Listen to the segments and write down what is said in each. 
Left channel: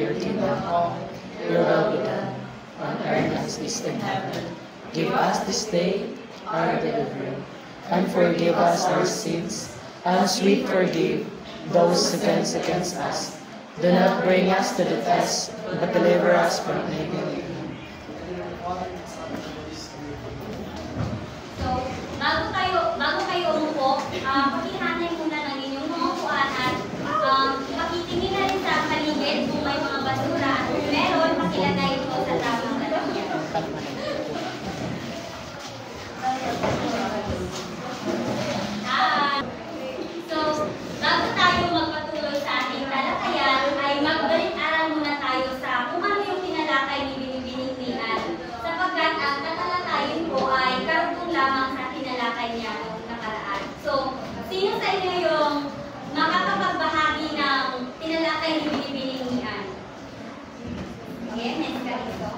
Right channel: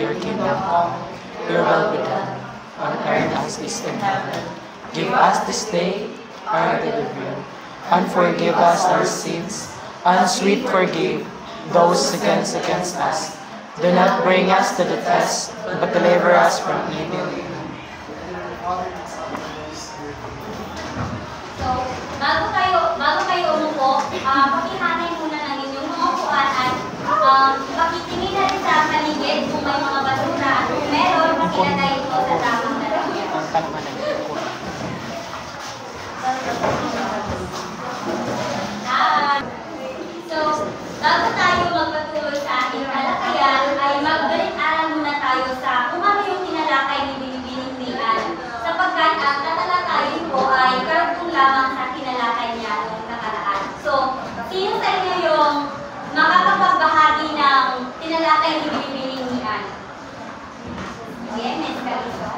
your kingdom come, your will be done, on earth as it is in heaven. Give us this day our daily bread, and forgive us our sins, and we forgive those who sin against us. Do not bring us to the test, but deliver us from evil. So, bago kayo umupo, pakihanay muna ng inyong mga upuan at pakitingin na rin sa paligid kung may mga basura at kung meron, pakilagay ito sa tamang lalagyan. So, bago tayo magpatuloy sa ating talakayan, ay magbalik-aral muna tayo sa kung ano yung tinalakay ni Binibining ni Ann. Sapagkat ang tatalakayin ko ay karugtong lamang sa tinalakay niya noong nakaraan. So, sino sa inyo yung makakapagbahagi ng tinalakay ni Binibining ni Ann? Okay, Ms. Calizo.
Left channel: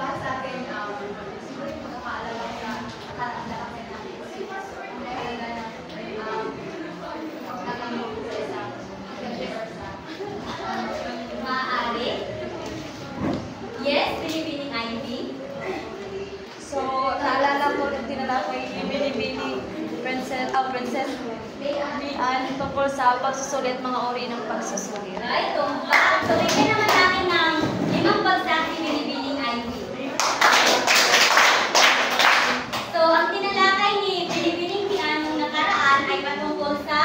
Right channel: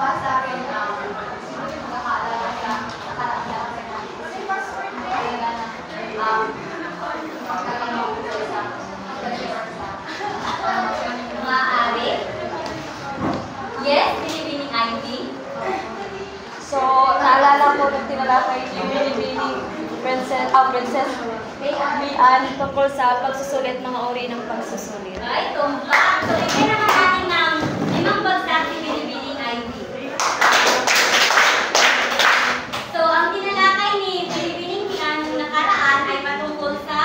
Para sa akin, siguro yung makakaalala sa nakaraan lang sa natin. Kasi first word na ay Maaari? Yes, Binibining Ivy. So, naalala ko yung tinalakay ni Binibining Princess Mian tungkol sa pagsusulit, mga uri ng pagsusulit. Ito ba? So, bigyan naman natin ng 5 bagsak si Binibining Ivy. So, ang tinalakay ni Binibining Mian nung nakaraan ay patungkol sa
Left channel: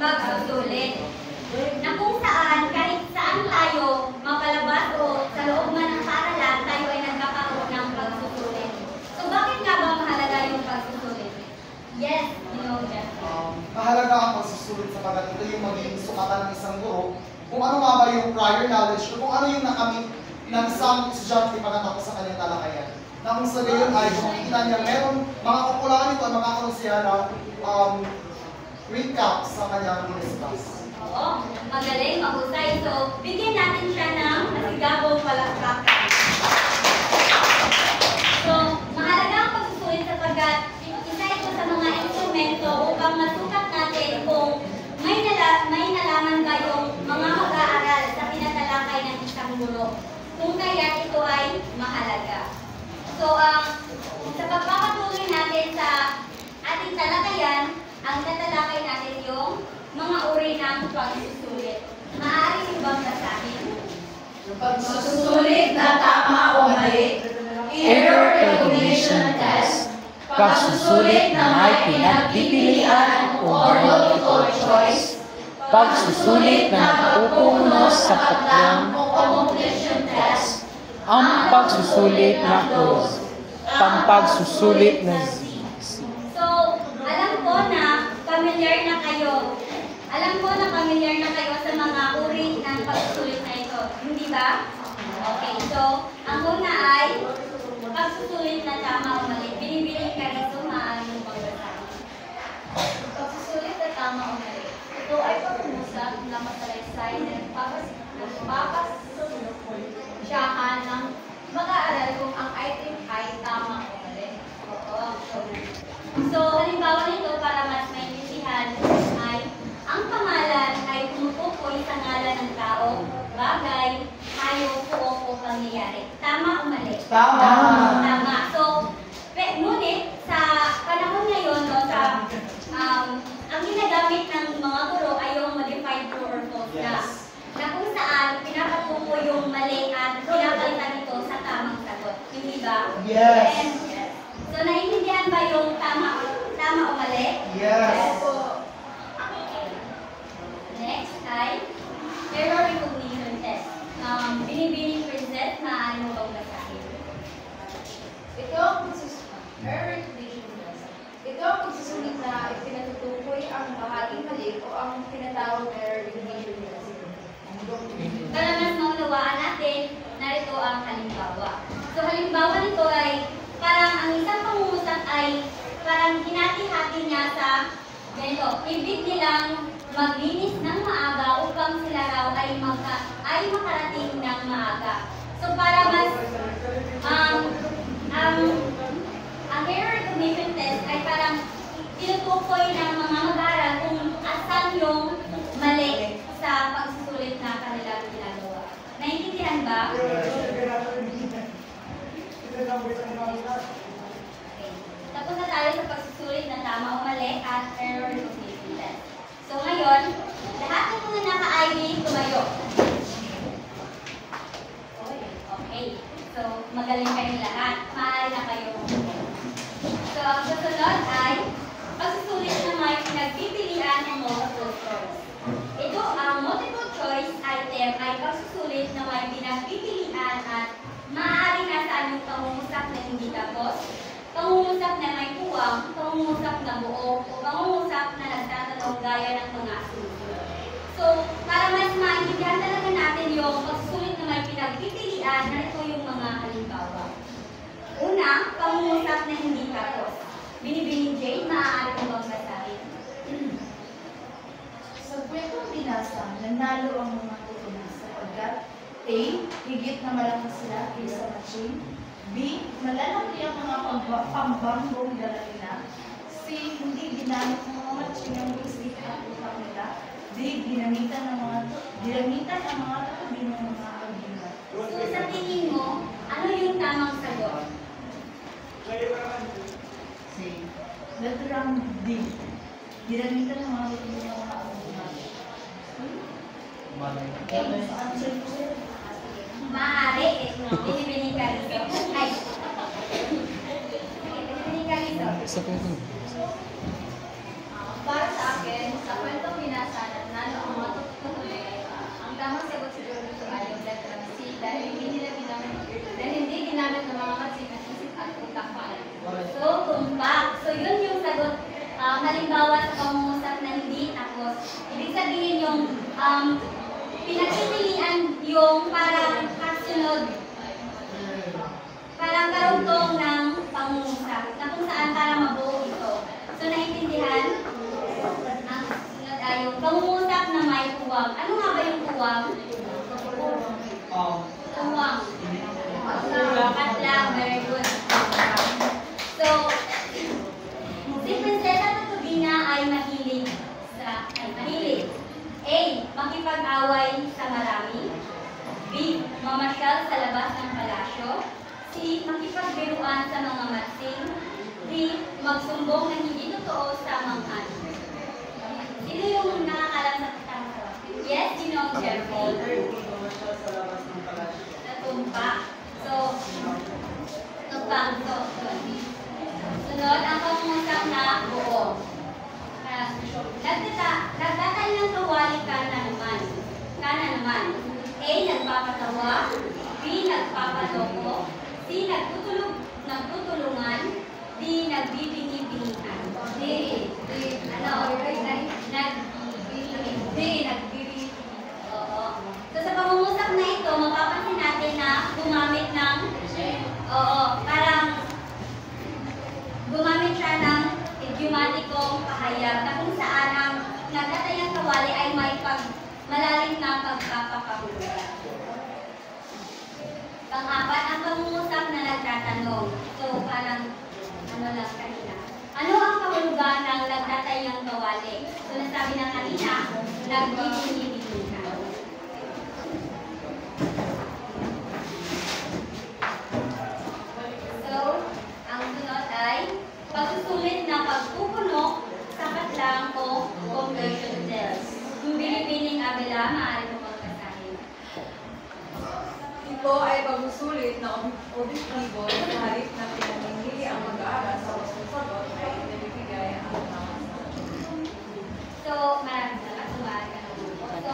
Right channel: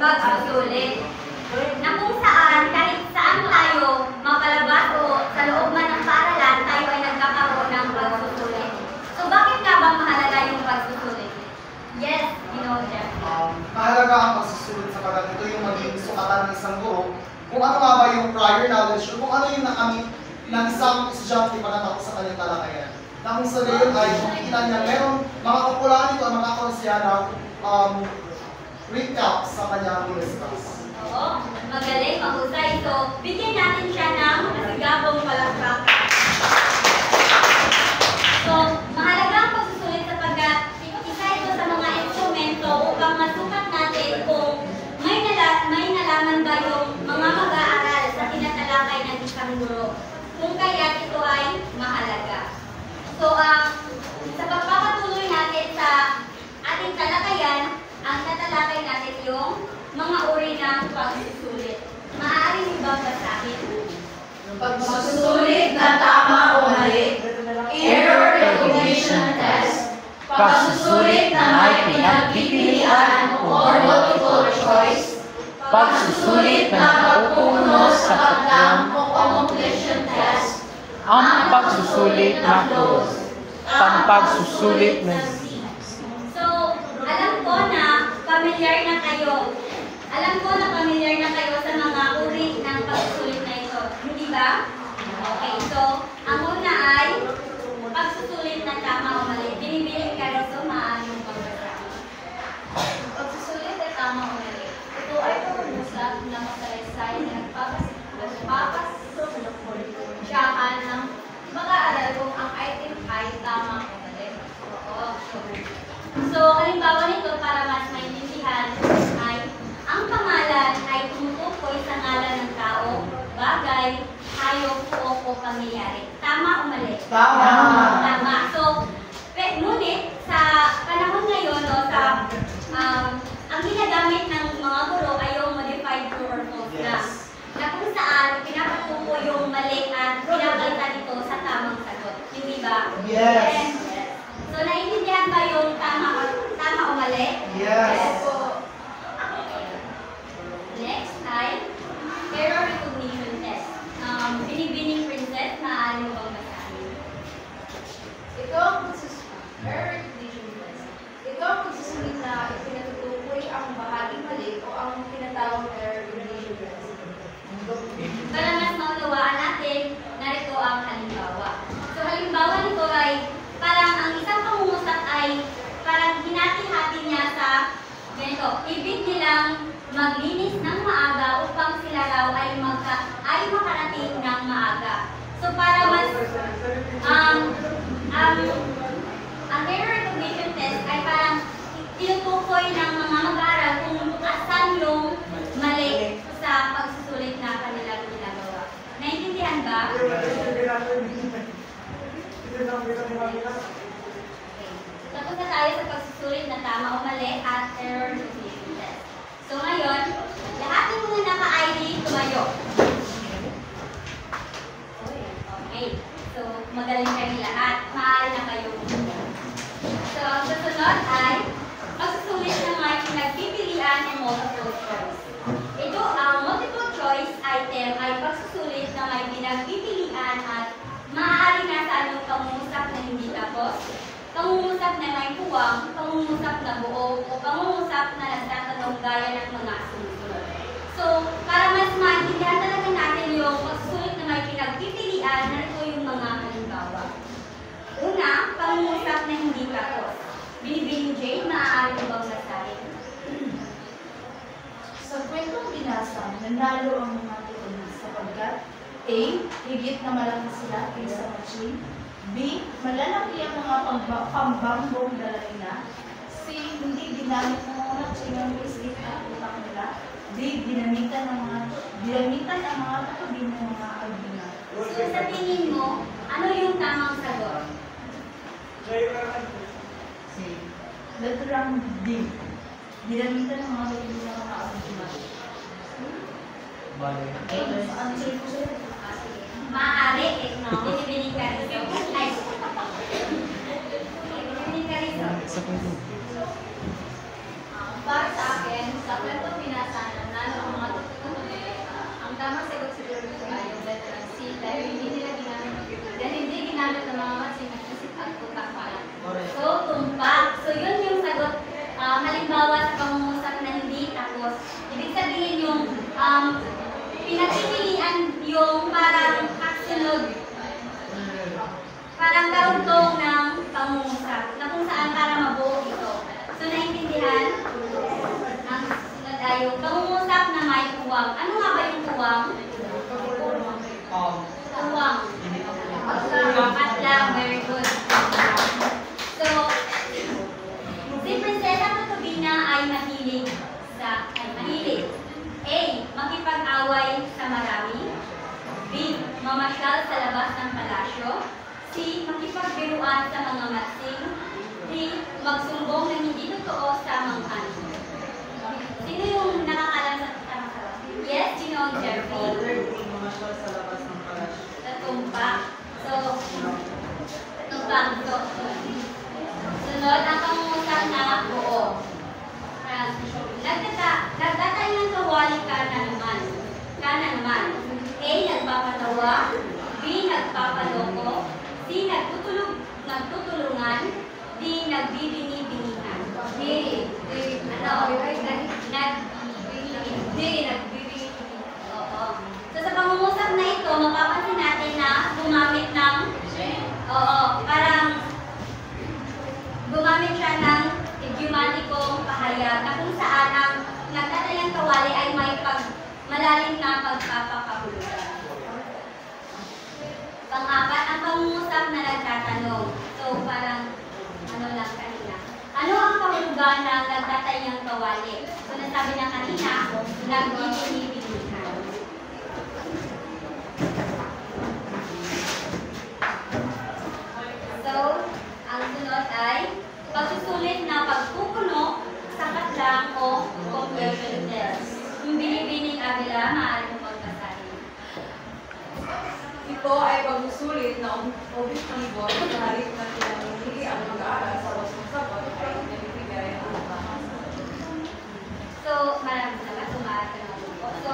pagsusulit. Na kung saan, kahit saan tayo mapalabas o sa loob man ng paaralan, tayo ay nagkakaroon ng pagsusulit. So, bakit nga ba mahalaga yung pagsusulit? Yes, Jeff. Mahalaga ang pagsusulit sapagkat ito yung maging sukatan ng isang guro kung ano nga ba yung prior knowledge o kung ano yung nakamit ng isang estudyante pagkatapos sa kanyang talakayan. Na kung sa gayon ay kung kikita niya merong mga kakulangan dito at magkakaroon siya ng recap sa kanyang discuss. Oo, magaling, mahusay. So, bigyan natin siya ng masigabong palakpakan. So, mahalaga ang pagsusulit sapagkat isa ito sa mga instrumento upang masukat natin kung may nalaman ba yung mga mag-aaral sa tinatalakay ng isang guro. Kung kaya ito ay mahalaga. So, sa pagpapatuloy natin sa ating talakayan, ang tatalakay natin yung mga uri ng pagsusulit. Maaari mo bang basahin? Pagsusulit na tama o mali, error recognition test, pagsusulit na may pinagpipilian o multiple choice, pagsusulit na napupuno sa patlong o completion test, Ang pagsusulit na close, ang pagsusulit na Z. So, alam ko na familiar na kayo. Sa mga uri ng pagsusulit na ito. Hindi ba? Okay, so, ang una ay pagsusulit na tama o mali. Binibiling ka rito, maaari mong pagbasahin. Pagsusulit na tama o mali. Ito ay pangungusap na matalaysay na nagpapasyahan ng mag-aaral kung ang item ay tama o mali. Oo. So, halimbawa nito para mas maintindihan ay ang pangalan ay tumutukoy sa ngalan ng tao, bagay, hayop, o pangyayari. Tama o mali? Tama. Tama. So, ngunit sa panahon ngayon, ang ginagamit ng mga guro ay yung modified true or false na kung saan pinapatuko yung mali at pinapalitan ito sa tamang sagot. Hindi ba? Yes. So, naiintindihan ba yung tama o mali? Yes. Next ay error recognition test. Binibining Princess, maaari mo bang basahin? Ito ang pagsusulit na ipinatutukoy ang bahaging mali o ang tinatawag na error recognition test. Para mas maunawaan natin, narito ang halimbawa. So, halimbawa nito ay parang ang isang pangungusap ay parang hinati-hati niya sa ganito. Ibig nilang maglinis ng maaga upang sila raw ay makarating ng maaga. So, para mas ang error recognition test ay parang tinutukoy ng mga mag-aaral kung asan yung mali sa pagsusulit na kanilang ginagawa. Naintindihan ba? Tapos na tayo sa pagsusulit na tama o mali at error recognition test. So ngayon, lahat ng mga naka-ID tumayo. Okay. So magaling kayo lahat. Maaari na kayo. So ang susunod ay pagsusulit na may pinagpipilian ng multiple choice. Ito ang multiple choice item ay pagsusulit na may pinagpipilian at maaari nasa anong pangungusap na hindi tapos, pangungusap na may puwang, pangungusap na buo, o pangungusap na nagtatanong gaya ng mga asunod. So, para mas maintindihan talaga natin yung pagsusulit na may pinagpipilian, narito yung mga halimbawa. Una, pangungusap na hindi tapos. Binibining Jane, maaari mo bang basahin? Sa kwentong binasa, nanalo ang mga tutunan sapagkat A. Higit na malaki sila kaysa machine. B. Malalaki ang mga pambangbong dala nila. C. Hindi ginamit ng mga machine ang isip at utak nila. D. Ginamitan ang mga tutubi ng mga albina. So, sa tingin mo, ano yung tamang sagot? Letrang D. Ginamitan ng mga tutubi ng mga albina. Saan sa'yo po sa'yo? Maaari, binibining ka rin. Ay, binibining ka rin. Para sa akin, sa kwentong binasa, nanalo ang mga tutubi. Ang tamang sagot siguro dito ay yung letra C dahil hindi ginamit ng mga matsing at isip at utak pa. So, tumpak. So, yun yung sagot. Halimbawa sa pangungusap na hindi tapos. Ibig sabihin yung pinagpipilian yung parang kasunod, parang karugtong ng pangungusap na kung saan para mabuo ito. So, naintindihan? Ang sunod ay yung pangungusap na may puwang. Ano nga ba yung puwang? Puwang. At lang, very good. So, si Prinsesa Tutubina ay mahilig. A. Makipag-away sa marami. B. Mamasyal sa labas ng palasyo. C. Makipagbiruan sa mga matsing. D. Magsumbong ng hindi totoo sa mangkan. Sino yung nakakalam sa tamang? Yes, sino ang Jeffrey? Mamasyal sa labas ng palasyo. Natumpa. So, tumpang. So, sunod, ang pangungusap na buo. Nagtatay ng kawali ka na naman. A. Nagpapatawa. B. Nagpapaloko. C. Nagtutulungan. D. Nagbibini-binihan. D. Nagbibini. Oo. So sa pangungusap na ito, mapapansin natin na gumamit ng parang gumamit siya ng idiomatikong pahayag na kung saan ang nagtatayang kawali ay may malalim na pagpapakahulugan. Pang-apat, ang pangungusap na nagtatanong. So, parang, lang kanina. Ano ang kahulugan ng nagtatayang kawali? So, nasabi na kanina, nagbibini-binihan. So, ang sunod ay pagsusulit na pagpupuno, sapat lang o conversion test. Yung binibining abila, maaari mo pagkasahin. Ito ay pagsusulit na objektibo na kahit na pinamimili ang mag-aaral sa wasong sagot ay inibigay ang mga sagot. So, maraming salamat. Sumaari ka na. So,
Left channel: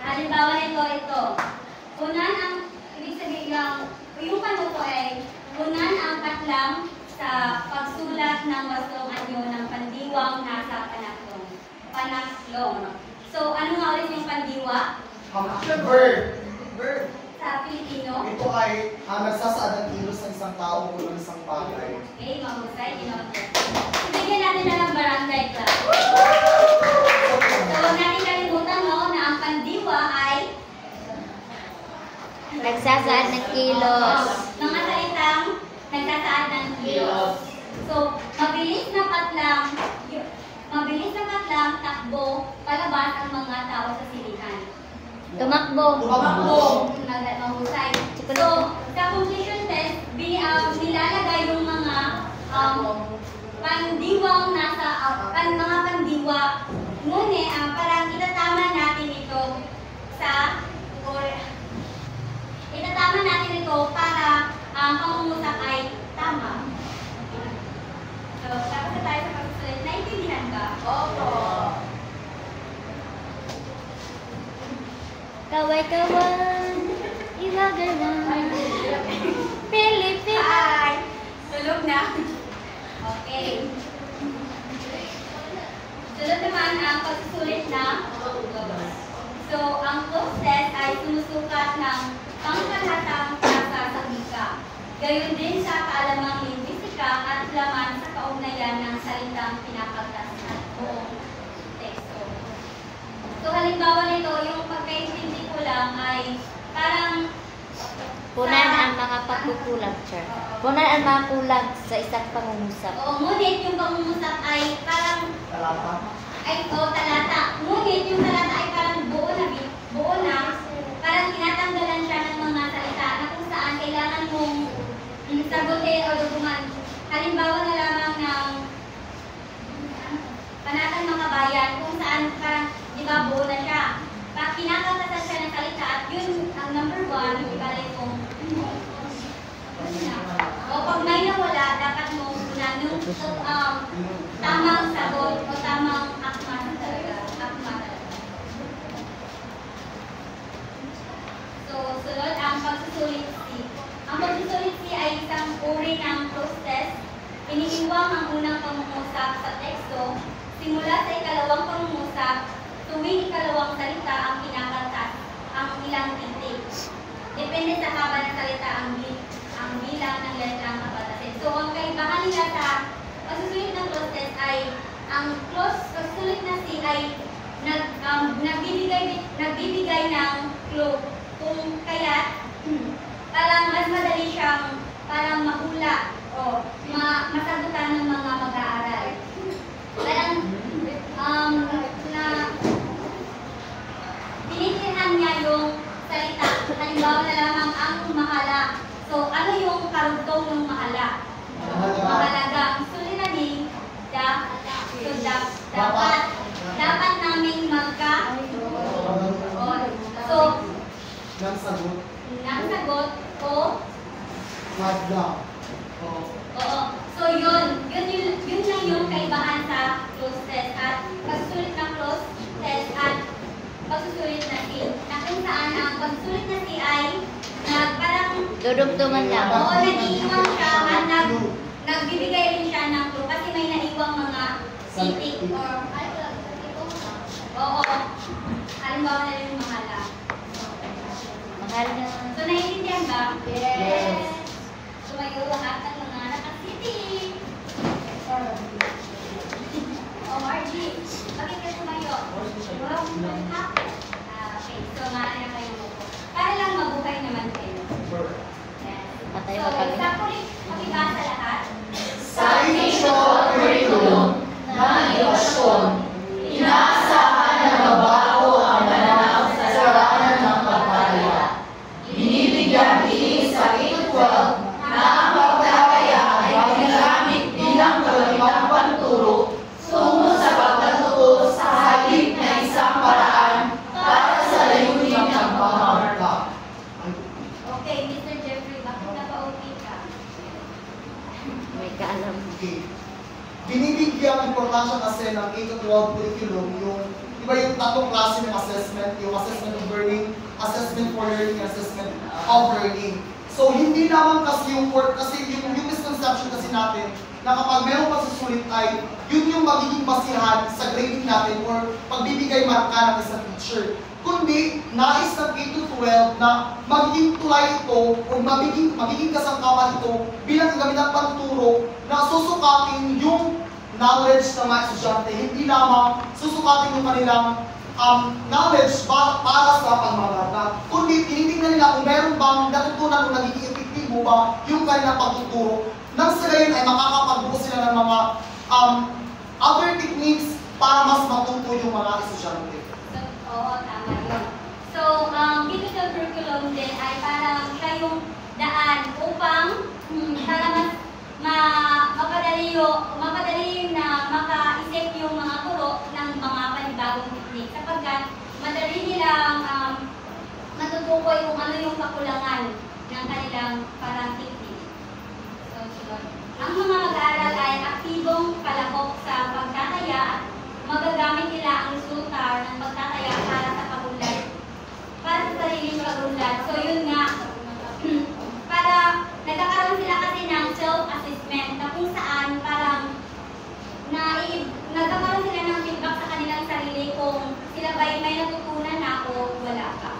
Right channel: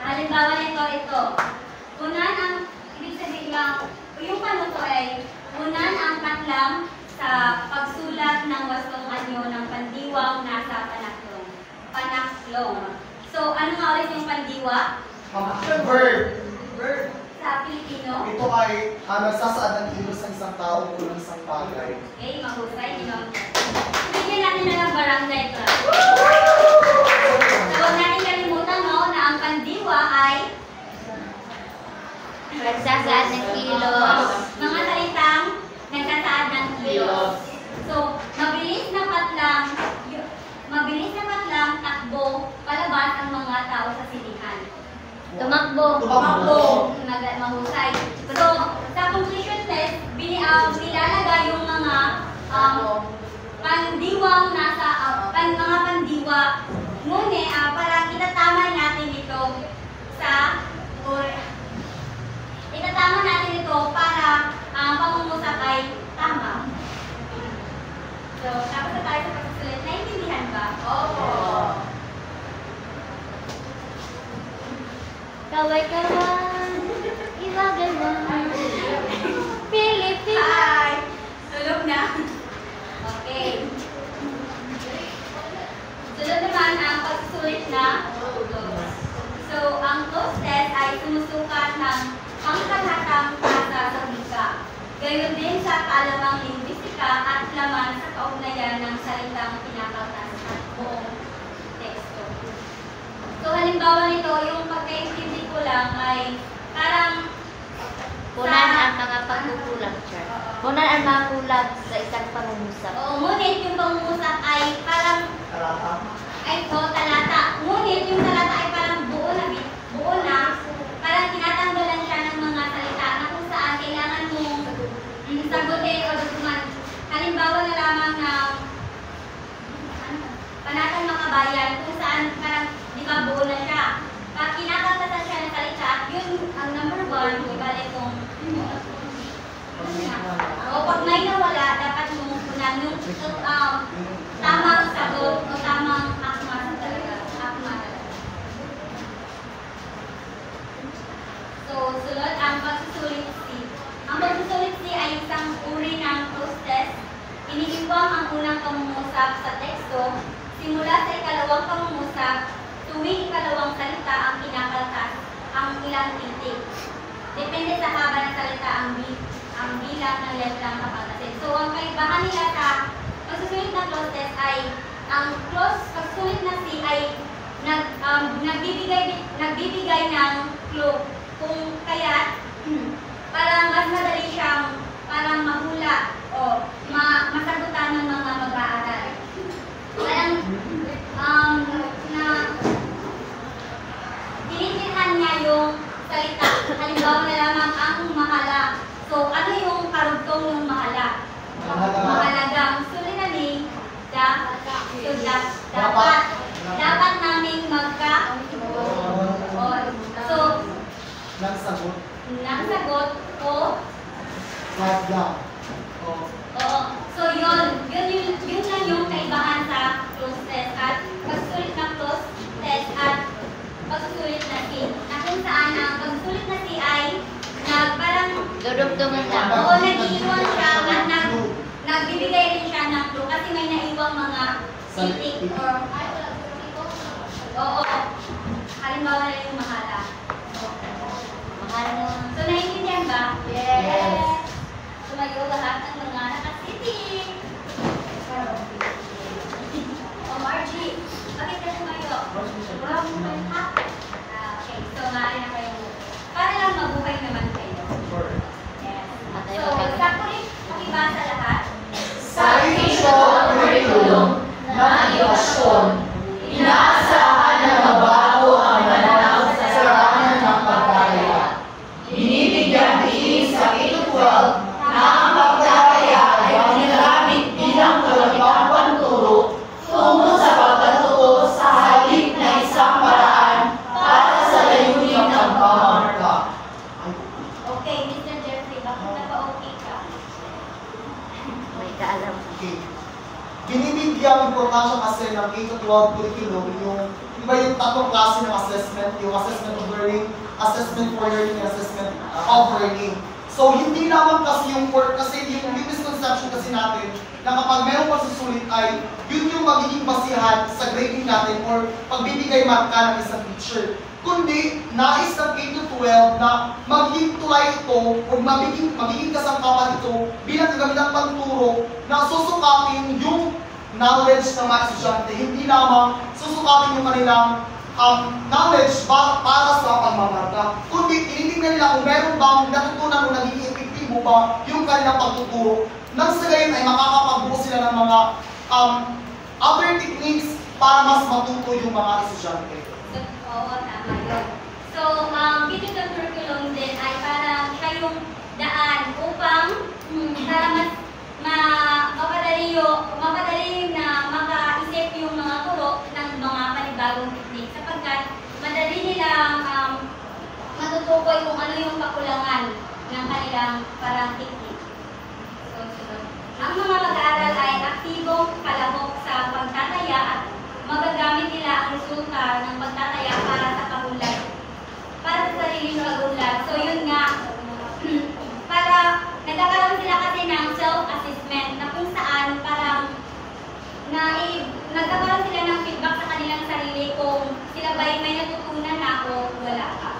halimbawa nito, ito. Unan ang, ibig sabihin lang, yung panuto ay, unan ang katlang sa pagsulat ng wasong anyo ng pandiwang nasa panaklong. So, ano nga ulit yung pandiwa? Verb. Sa Pilipino? Ito ay nagsasaad ng kilos ng isang tao o ng isang bagay. Okay, mahusay. Ibigyan natin na ng barangay club. So, huwag natin kalimutan na ang pandiwa ay Nagsasaad ng kilos. mga salitang nagsasaad ng kilos. So, So, mabilis na patlang, takbo, palabas ang mga tao sa silihan. Tumakbo. Mahusay. So, sa conclusion test, nilalagay yung mga pandiwang nasa, mga pandiwa. Ngunit, parang itatama natin ito para ang pangungusap ay tama. So, tapos na tayo sa pagsusulit. Naintindihan ba? Opo. Kaway-kawan, imagalan, Pilipina. Hi! Tulog na? Okay. Sunod naman ang pagsusulit na close. So, ang close test ay sumusukat ng pangkalahatang tasa sa wika. Gayon din sa kaalamang linguistika at laman sa kaugnayan ng salitang pinapagtas at buong teksto. So, halimbawa nito, yung pagkaintindi ko lang ay parang Punan ang mga pagkukulang, sir. Punan ang mga kulang sa isang pangungusap. Oo, ngunit yung pangungusap ay parang talata. Ngunit yung talata ay parang buo na, parang tinatanggalan siya ng mga salita na kung saan kailangan mong sagutin o duduman. Halimbawa na lamang ng Panatang Makabayan kung saan parang, di ba, buo na siya. Pag kinakatasan siya ng salita, yun ang number 1, ibalik kong o pag may nawala, dapat mong tamang sagot o tamang akma talaga. So, sunod ang pagsusulit C. Ang pagsusulit C ay isang uri ng close test. Iniiwang ang unang pangungusap sa teksto. Simula sa ikalawang pangungusap, tuwing ikalawang salita ang kinakaltas ang ilang titik. Depende sa haba ng salita ang bilang ng letrang kapatasin. So, ang kaibahan nila sa pagsusulit ng close test ay ang pagsusulit na C ay nagbibigay ng clue. Kung kaya, parang mas madali siyang parang mahula o masagutan ng mga mag-aaral. Parang tinitirhan niya yung salita. Halimbawa na lamang ang mahala. So, ano yung karugtong ng mahala? Mahalagang suliranin, dapat namin so, Nang sagot o flag down. oo. So, yun lang yung kaibahan sa close test at pagsusulit na close test at pagsusulit na C. Na kung saan ang pagsusulit na C ay parang Dudugtungan lang. oo, nag-iiwan siya at nagbibigay rin siya ng clue kasi may naiwang mga titik or oo. Halimbawa na yung mahala. Mahal na. So, naiintindihan ba? Yes. Tumayo lahat ng mga nakasiting. Margie, bakit ka tumayo? Okay, so maaari na kayo. Para lang mabuhay naman kayo. Yes. So, sa pag-ibasa lahat. Sa edukasyon curriculum ng edukasyon, inaasahan na mabago ang mananaw sa sarana ng pagkaya. Binibigyan din sa K-12 na ang pagkaya ay ginagamit bilang kagamiang panturo tungo sa pagkatuto sa halip na isang paraan para sa layunin ng pamamarta. Okay, Mr. Jeffrey, bakit napa-okay ka? May kaalam. Okay. Binibigyan importansya kasi ng K-12 curriculum yung tatlong klase ng assessment, yung assessment of learning, assessment for learning, and assessment of learning. So, hindi naman kasi yung misconception kasi natin na kapag mayroong pagsusulit ay yun yung magiging basihan sa grading natin or pagbibigay marka ng isang teacher. Kundi, nais ng K-12 na magiging tulay ito o magiging kasangkapan ito bilang kagamitan panturo na susukatin yung knowledge ng mga estudyante. Hindi lamang susukatin yung kanilang knowledge para sa pagmamarka. Kundi, tinitingnan nila kung meron bang natutunan o nagiging epektibo ba yung kanilang pagtuturo nang sa gayon ay makakapagbuo sila ng mga other techniques para mas matuto yung mga estudyante. Oo, tama yun. So, digital curriculum din ay parang kayong daan upang para mas mapadali na makaisip yung mga turo ng mga panibagong technique sapagkat madali nilang matutukoy kung ano yung kakulangan ng kanilang parang technique. So, ang mga mag-aaral ay aktibong palahok sa pagtataya at magagamit nila ang resulta ng pagtataya para sa pagunlad. Para sa sariling pagunlad. So, yun nga, para nagkakaroon sila kasi ng self-assessment na kung saan parang nagkakaroon sila ng feedback sa kanilang sarili kung sila ba'y may natutunan na o wala pa.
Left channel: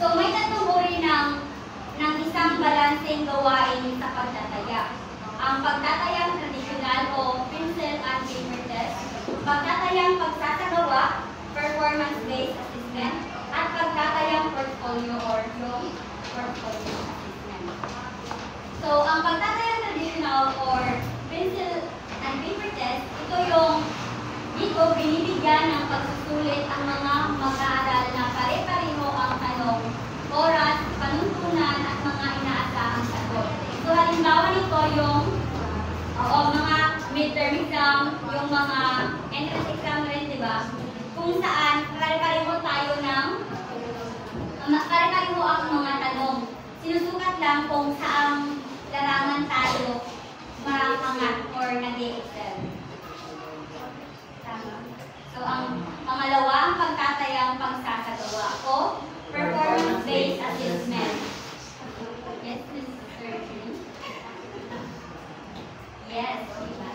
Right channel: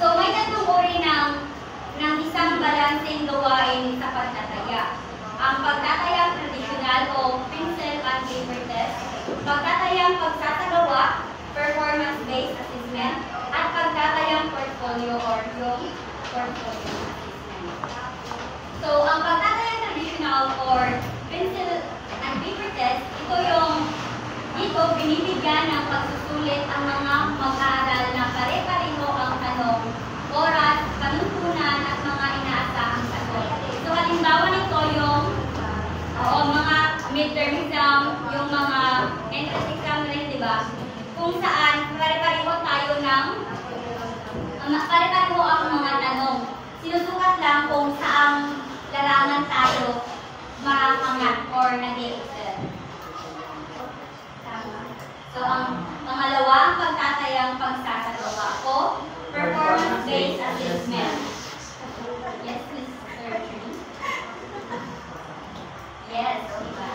So, may tatlong uri ng isang balanseng gawain sa pagtataya. Ang pagtatayang traditional o pencil and paper test, pagtatayang pagsasagawa, performance-based assessment, at pagtatayang portfolio or yung portfolio assessment. So, ang pagtatayang traditional or pencil and paper test, dito binibigyan ng pagsusulit ang mga mag-aaral na pare-pareho ang tanong, oras, panuntunan at mga inaasahang sagot. So, halimbawa nito yung mga midterm exam, yung mga entrance exam rin, di ba? Kung saan pare-pareho tayo pare-pareho ang mga tanong. Sinusukat lang kung saang larangan tayo makakangat or nag-excel. Tama. So, ang pangalawa, ang pagtatayang pagsasagawa o performance-based assessment. Yes, please, sir. Yes, diba?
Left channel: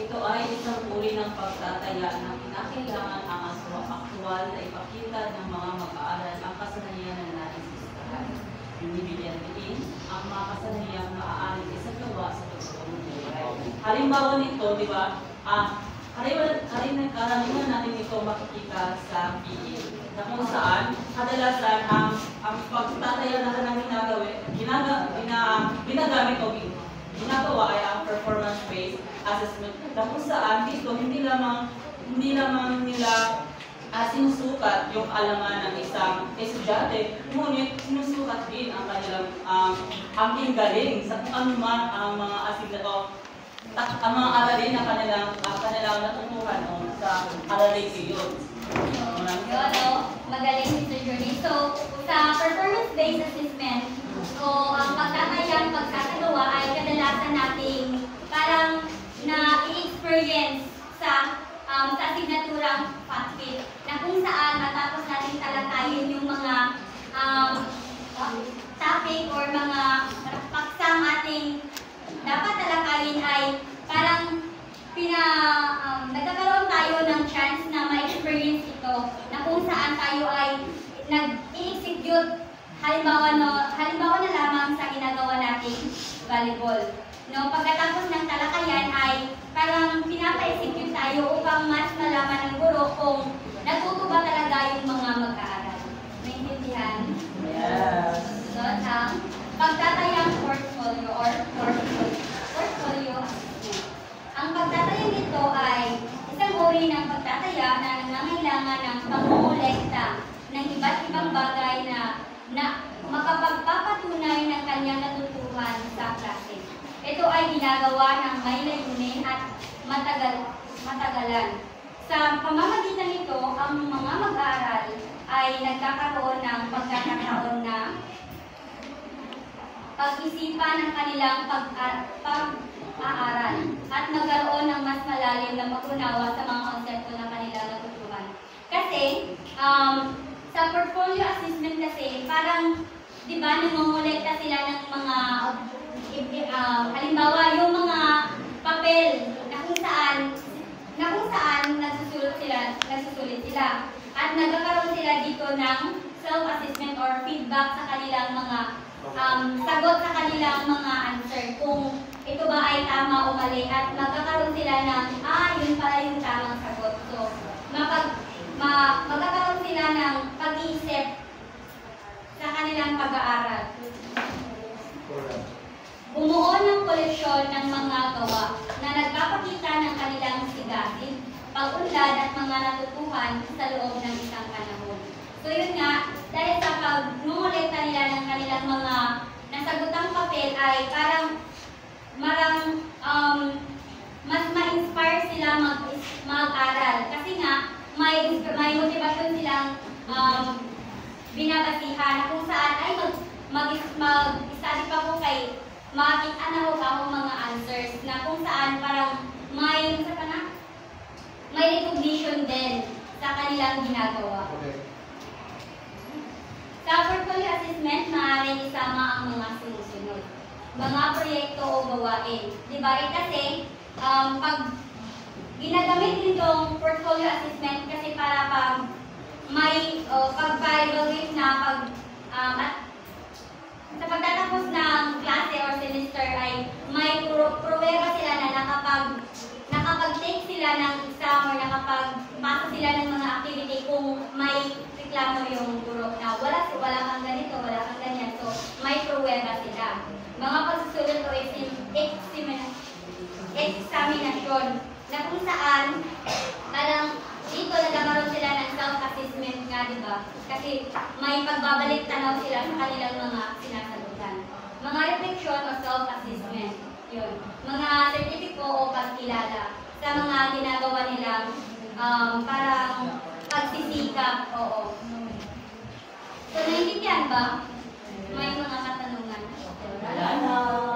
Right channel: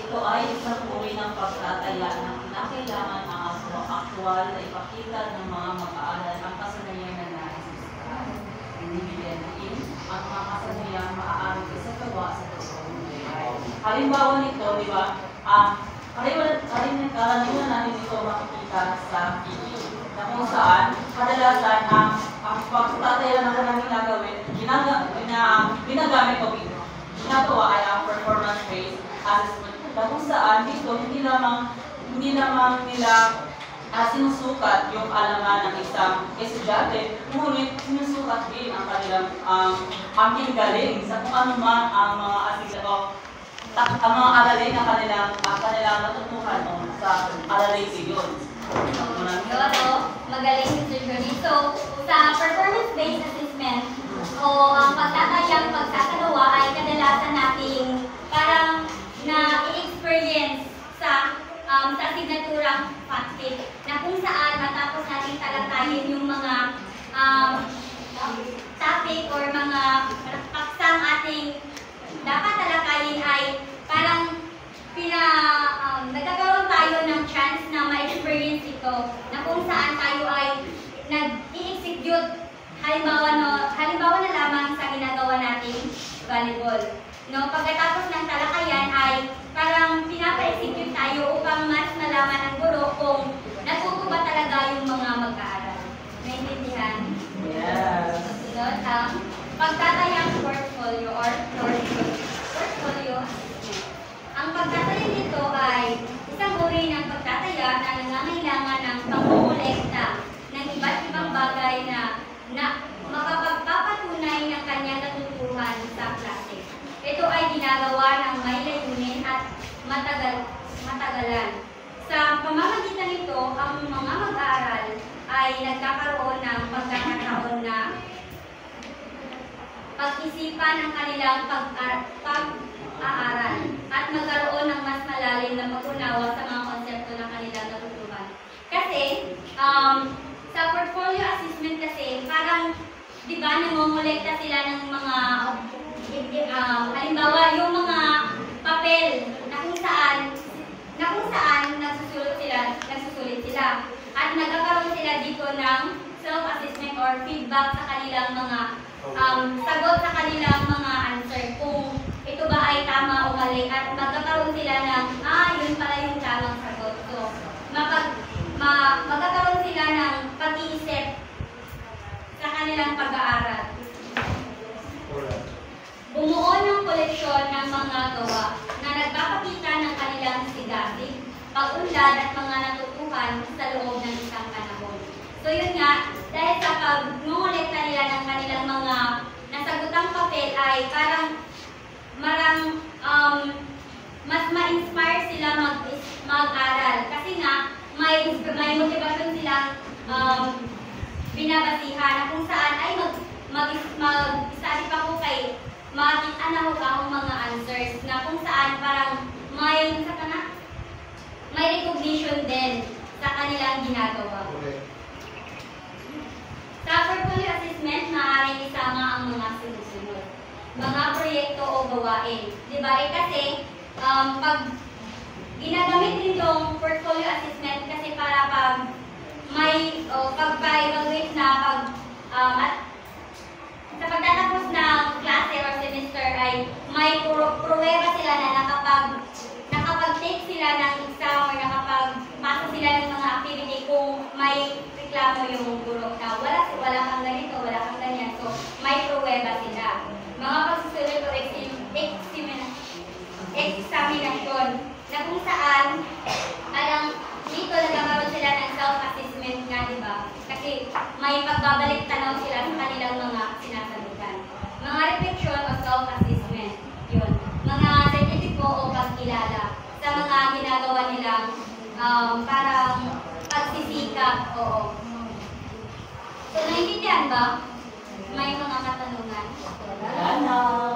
Ito ay isang uri ng pagtataya na kinakailangan ang aktwal na ipakita ng mga mag-aaral ang kasanayan na nais gustuhan. Binibigyan din ang mga kasanayang maaaring isagawa sa totoong buhay. Halimbawa nito, di ba, karaniwan natin ito makikita sa video na kung saan kadalasan ang pagtataya na kanang ginagamit o ginagawa ay ang performance-based assessment. Na kung saan dito hindi lamang nila sinusukat yung alangan ng isang estudyante, ngunit sinusukat din ang kanilang aking galing sa kung ano man ang mga ang mga aralin na kanilang matutuhan sa aralin iyon. Magaling si Sir Johnny. So, sa performance-based assessment, o ang pagtatayang pagsasagawa ay kadalasan nating parang na-experience sa asignaturang FATFIT na kung saan matapos natin talatayin yung mga topic or mga paksang ating dapat talakayin ay parang nagkakaroon tayo ng chance na ma-experience ito na kung saan tayo ay nag-i-execute halimbawa na lamang sa ginagawa nating volleyball. No, pagkatapos ng talakayan ay parang pinapa-execute tayo upang mas malaman ng guro kung natuto ba talaga yung mga mag-aaral. Naintindihan? Yes. Sunod ang pagtatayang portfolio or portfolio assessment. Ang pagtatayang nito ay isang uri ng pagtataya na nangangailangan ng pangongolekta ng iba't ibang bagay na makapagpapatunay ng kanyang natutuhan sa klase. Ito ay ginagawa ng may layunin at matagalan. Sa pamamagitan nito, ang mga mag-aaral ay nagkakaroon ng pagkakataon na pag-isipan ang kanilang pag-aaral at magkaroon ng mas malalim na pag-unawa sa mga konsepto ng kanilang natutuhan. Kasi, sa portfolio assessment kasi, parang, di ba, nangongolekta sila ng mga halimbawa, yung mga papel na kung saan nagsusulit sila. At nagkakaroon sila dito ng self-assessment or feedback sa kanilang mga sagot sa kanilang mga answer. Kung ito ba ay tama o mali. At magkakaroon sila ng, yun pala yung tamang sagot. So, magkakaroon sila ng pag-iisip sa kanilang pag-aaral. naunlad at mga natutuhan sa loob ng isang panahon. So yun nga, dahil sa pag-ngolekta nila ng kanilang mga nasagutang papel ay parang mas ma-inspire sila mag-aral. Kasi nga, may motivasyon silang binabasihan na kung saan ay mag-study pa po kay makikita na ho akong mga answers na kung saan parang may recognition din sa kanilang ginagawa. Sa portfolio assessment, maaaring isama ang mga sunod-sunod. Mga proyekto o gawain. Diba? Kasi, pag ginagamit din itong portfolio assessment kasi para pag may pag-evaluate na at sa pagtatapos ng klase or semester ay may pruweba sila na nakapag-take sila ng exam or nakapagpasa sila ng mga activity kung may reklamo yung guro na wala kang ganito, wala kang ganyan. So, may pruweba sila. Mga pagsusunod o examination na kung saan dito nagkakaroon sila ng self-assessment nga, di ba? Kasi may pagbabalik tanaw sila sa kanilang mga sinasagutan. Mga reflection o self-assessment, yun. Mga sertifiko o pagkilala sa mga ginagawa nilang parang pagsisikap, oo. So, naiintindihan ba? May mga katanungan? Wala na.